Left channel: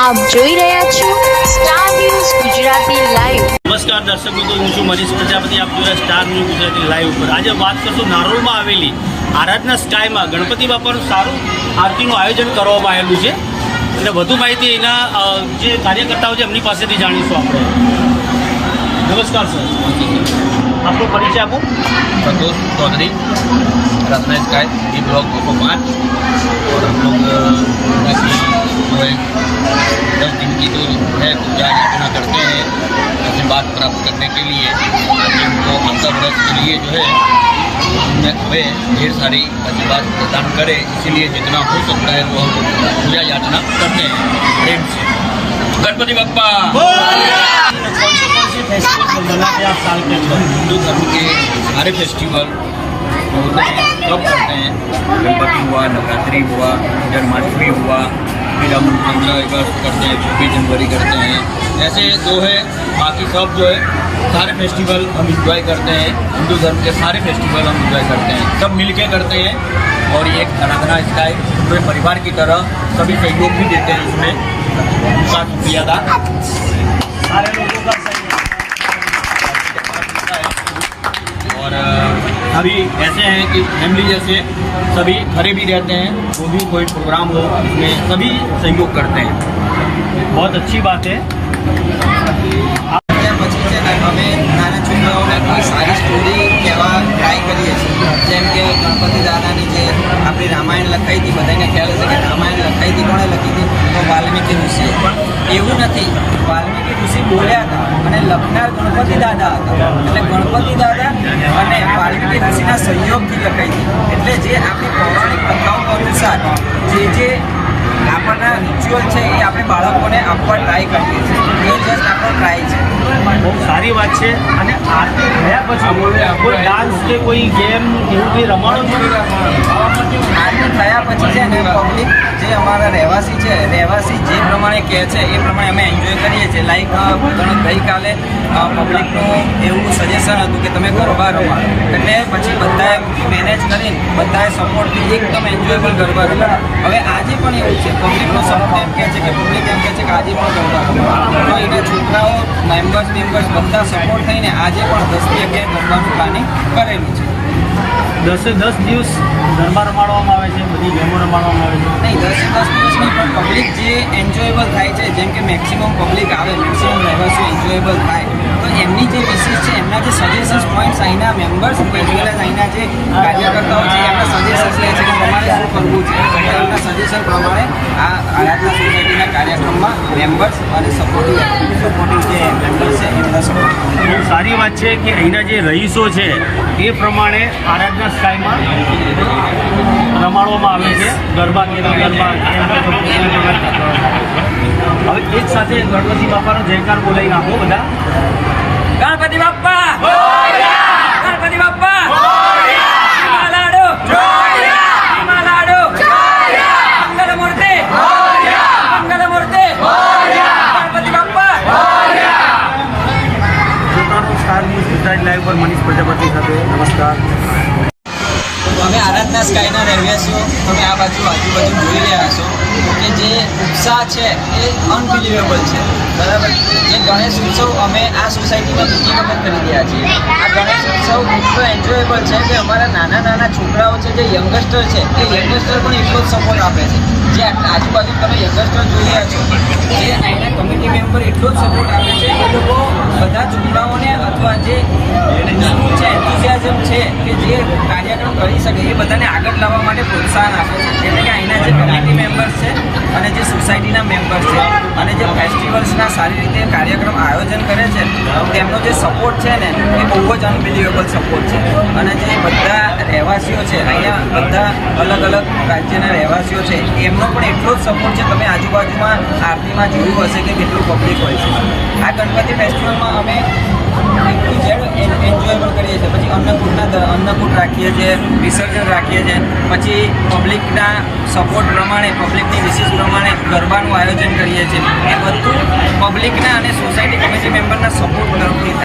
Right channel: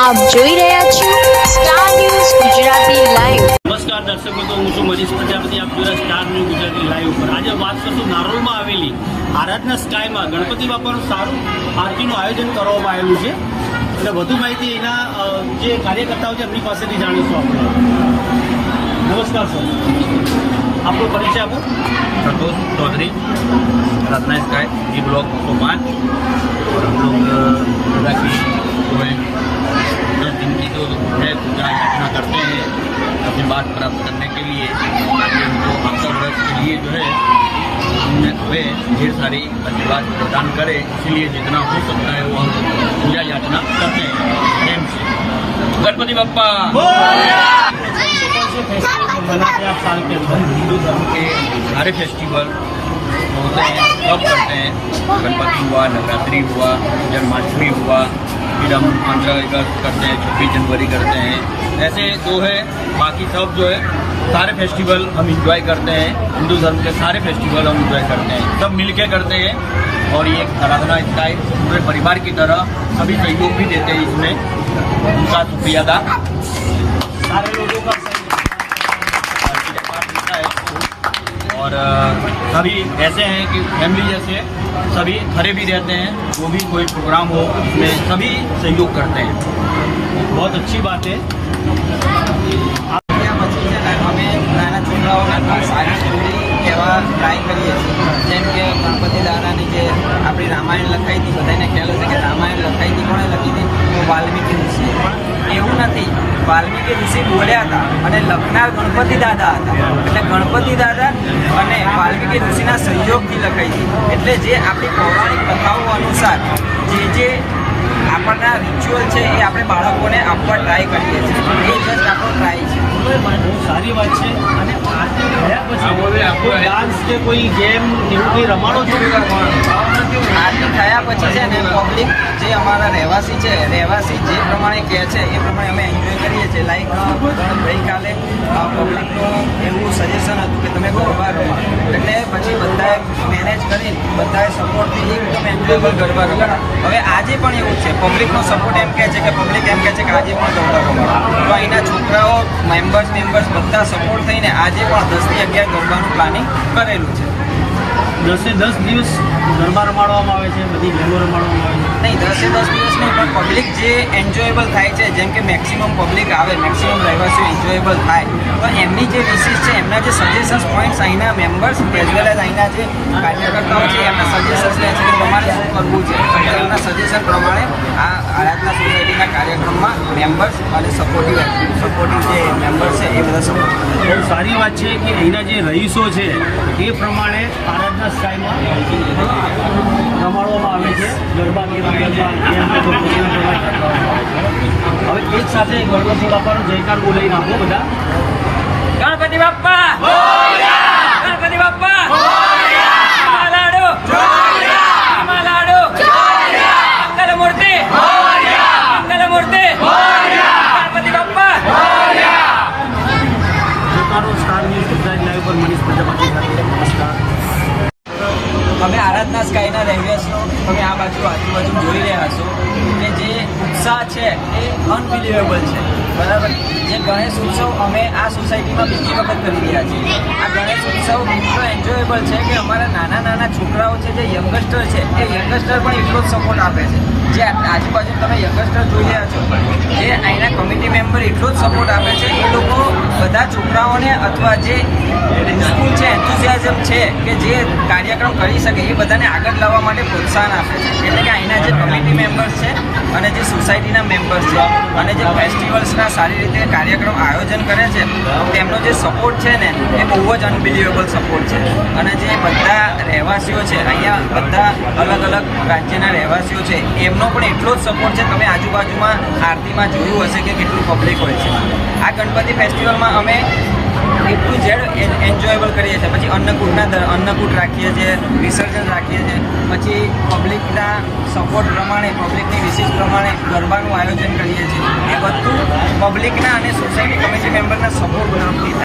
આપ જોઈ રહ્યા છો સ્ટાર ન્યૂઝ ગુજરાતી લાઈવ નમસ્કાર દર્શક મિત્રો હું છું મનીષ પ્રજાપતિ આપ જોઈ રહ્યા સ્ટાર ન્યૂઝ ગુજરાતી લાઈવ ઉપર આજે વાત કરશું નારોલમાં આવેલી આરાધના સ્કાયમાં ગણપતિ બાપાનું સારું આરતીનું આયોજન કરવામાં આવેલું છે અને વધુ માહિતી એના અ, જે કાર્યકર્તાઓ છે એમની પાસેથી જાણીશું આપણે નમસ્કાર સર આપનો પરિચય આપો Santosh Chaudhary Ratna sky B block ऑफो पाँच और हम लोग अ, दुर्गा की जो है दस दिन की जो है पूजा याचना करते हैं, आशीर्वाद प्राप्त करने के लिए आज उनको अंतर व्रत के लिए जो है हमें ढेर सारी आशीर्वाद प्रदान करें। इसीलिए जितना हो सकता है वो हम पूजा याचना करते हैं, प्रेम से। गणपति बप्पा! कौन से कौन से फेस्टिवल मनाते हैं आप साल के अंदर हिंदू धर्म के सारे फेस्टिवल होते हैं, सब करते हैं। गणपति हुआ, नवरात्रि हुआ, जन्माष्टमी हुआ फिर हम पंद्रह अगस्त करते हैं, छब्बीस जनवरी करते हैं। ऐसे जो है, बाकी सब जो है, सारे फेस्टिवल हम इंजॉय करते हैं। हिंदू धर्म के सारे फेस्टिवल हम इंजॉय करते हैं। सब मिल के करते हैं और ये एक आराधना स्टाइल पूरे परिवार की तरह सभी सहयोग भी देते हैं इसमें। उनका शुक्रिया था सारे लोगों का अभी ऐसे हैं कि फैमिली जैसे सभी घरे भी रहते हैं जो भी कोई प्रोग्राम हो उसमें सभी सहयोग करते हैं बहुत अच्छी बात है ત્યાં પછી છે ને અમે નાના છોકરાઓને કોઈ સારી સ્ટોરી કહેવા ટ્રાય કરીએ છીએ જેમ કે ગણપતિ દાદાની જે આપણી રામાયણ લખાઈ હતી બધાને ખ્યાલ હશે કે રામાયણ લખાઈ હતી કોણે લખી હતી તો વાલ્મીકી ઋષિએ પણ એવું નથી. વાલ્મીકી ઋષિ બોલ્યા હતા અને લખનાર ગણપતિ દાદા હતા. એટલે ગણપતિ દાદા અને વાલ્મીકી ઋષિના સહયોગથી લખાઈ હતી. એટલે જે આપણી પૌરાણિક કથાઓ અનુસાર જે જે આપણના રિચ્યુઅલ છે એ આપણે બાળકોને આપવા ટ્રાય કરીએ છીએ. એ જસ્ટ આપણો ટ્રાય છે. બહુ સારી વાત છે. અને આરતી ગયા પછી કોઈ ડાન્સ કે કોઈ ગેમ એવું કંઈ રમાડો છો? આરતી થયા પછી છે ને પબ્લિક જે અમારા રહેવાસી છે, રહેવાસી જે પ્રમાણે કહે છે, એ પ્રમાણે અમે એન્જોય કરીએ છીએ. લાઈક ગઈકાલે પબ્લિકનું એવું સજેશન હતું કે તમે ગરબા રમાડો એટલે પછી બધાએ મેનેજ કરી, બધાએ સપોર્ટ એકદમ એન્જોયેબલ ગરબા રમાડો હવે આજે પણ એવું છે. પબ્લિકનો સપોર્ટ એમ કહે છે કે પબ્લિક એમ કહે છે કે, આજે પણ ગરબા રમવા તો અહીંના છોકરાઓ મેમ્બર્સ મેમ્બર્સ બધા સપોર્ટ થઈને આજે પણ દસથી અગિયાર ગરબાનું પ્લાનિંગ કરેલું છે. દસે દસ દિવસ ગરબા રમાડવામાં આવે છે, બધી ગેમો રમાડવામાં આવે છે. નહીં, દસે દસ દિવસ નહીં, પણ પબ્લિક જે એન્જોયેબલ થાય છે, જેમ કે મેક્સિમમ પબ્લિક આવે મેક્સિમમ રહેવાસીઓ એન્જોયેબલ થાય, તો એમની જે વિશેષ છે એમના જે સજેશન્સ પોઈન્ટ્સ અહીંના મેમ્બર્સ એઝ વેલ એઝ અહીંના જે કાર્યકર્તાઓ છે, એમના સજેશન્સ લે છે પ્રમાણે શું કરવું છે, એમના સજેશન પ્રમાણે આ આરાધના સોસાયટીના કાર્યક્રમમાં મેમ્બર્સ અને સપોર્ટિવ સપોર્ટિવ જે મેમ્બર્સ છે, એ બધા સપોર્ટ બહુ સારી વાત છે કે અહીંના જે રહીશો છે, એ પ્રમાણે આરાધના સ્કાયમાં રમાડવામાં આવે છે. ગરબા ગરબા હવે એક સાથે ગણપતિ બાપાનો જયકાર બોલાવી નાખો બધા. ગણપતિ બાપ્પા! ગણપતિ બાપ્પા! લાડુ લાડુ! મંગલ મૂર્તિ મંગલ મૂર્તિ ગણપતિ બાપ્પા! પોતાનો સ્ટાર ન્યૂઝ ગુજરાત લાઈવ પર મનીષ પ્રજાપતિ સાથે. નમસ્કાર. અમે આરાધના સ્કાયના રહેવાસીઓ. તમે આ બાજુ આજુબાજુ જોઈ રહ્યા છો કે જે ઉત્સાહ છે એ અનબિલિવેબલ છે. બરાબર? જે ગણેશ ઉત્સવ અમે આ સોસાયટીમાં બીજી વખત કરી રહ્યા છીએ. આ ગણેશ ઉત્સવ એટલો એન્જોયેબલ છે કે અમારા નાના નાના છોકરાઓ છે, જે યંગસ્ટર છે, એ યંગસ્ટર પણ એટલો જ સપોર્ટ આપે છે. જે આજુબાજુ તમે યંગસ્ટર જોઈ રહ્યા છો, જે અહીંના કમિટી મેમ્બર એટલો જ સપોર્ટ આપે છે એ લોકો બધા છોકરાઓને અથવા જે સ્કૂલ છે એન્થુઝિયાઝમ છે કે જે કાર્યક્રમ કરી શકે એ બધાને આગળ લાવવા માટે પ્રોત્સાહન આપે છે. એટલે કે અહીંના જે કમિટી મેમ્બર્સ છે અને જે સોસાયટીના મેમ્બર્સ છે અને જે ફેસ્ટિવલ્સના સારી રીતે કાર્યક્રમ આયોજન કરે છે, તેમનો જે સપોર્ટ છે ને, એ બહુ જ અનબિલિવેબલ સપોર્ટ છે. અને જે બધા રહેવાસીઓ છે, અહીંયા બધા અલગ અલગ રાજ્યના રહેવાસીઓ છે, એમનો પણ એટલો જ સપોર્ટ છે, તમે આજુબાજુમાં આરતીમાં જોયું હશે કે કેટલું પબ્લિક હોય છે. આ ગણપતિ ફેસ્ટિવલમાં અમે એટલું જેડ એન્જોયેબલ કરીએ છીએ. પછી અન્નકૂટના અન્નકૂટ રાખીએ છીએ, વિસર્જન રાખીએ છીએ. પછી પબ્લિકના સપોર્ટ પ્રમાણે પબ્લિકની વિશેષ પ્રમાણે ગરબાનું આયોજન કરીએ છીએ. એ બધું પબ્લિકના અને સોસાયટી કમિટી મેમ્બરના સપોર્ટ તરફથી